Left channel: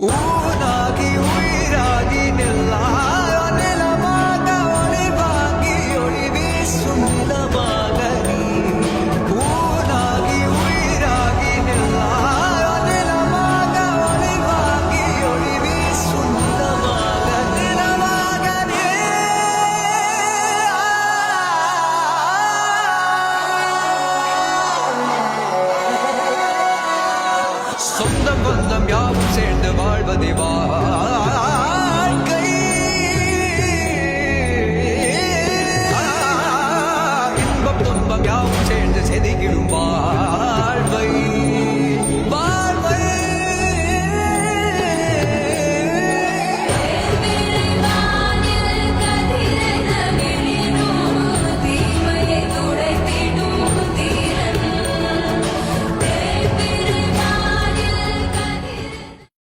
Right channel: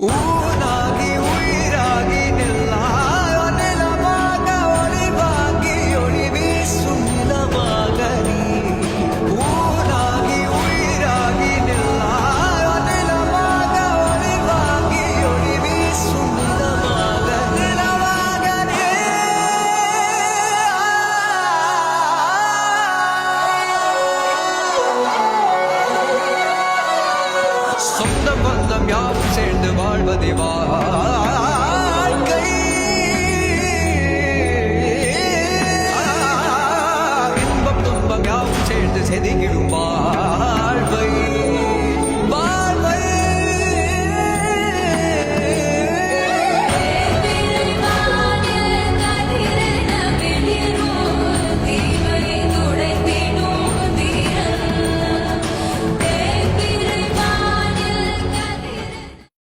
ஊனாகி உயிராகி நில்லாயோ நிலமாக ஒளி வாங்கி ஒளி வீசும் நிலமாக நீ ஊனாகி உயிராகி நில்லாயோ நிலமாக ஒளி வாங்கி ஒளி வீசும் நிலமாக நீ சொந்தம் பந்தம் யாவும் சேர்ந்து வாழ்வதே வாழ்க்கை இன்பம் துன்பம் யாவும் சேர்ந்து செதுக்கிடும் வாழ்வை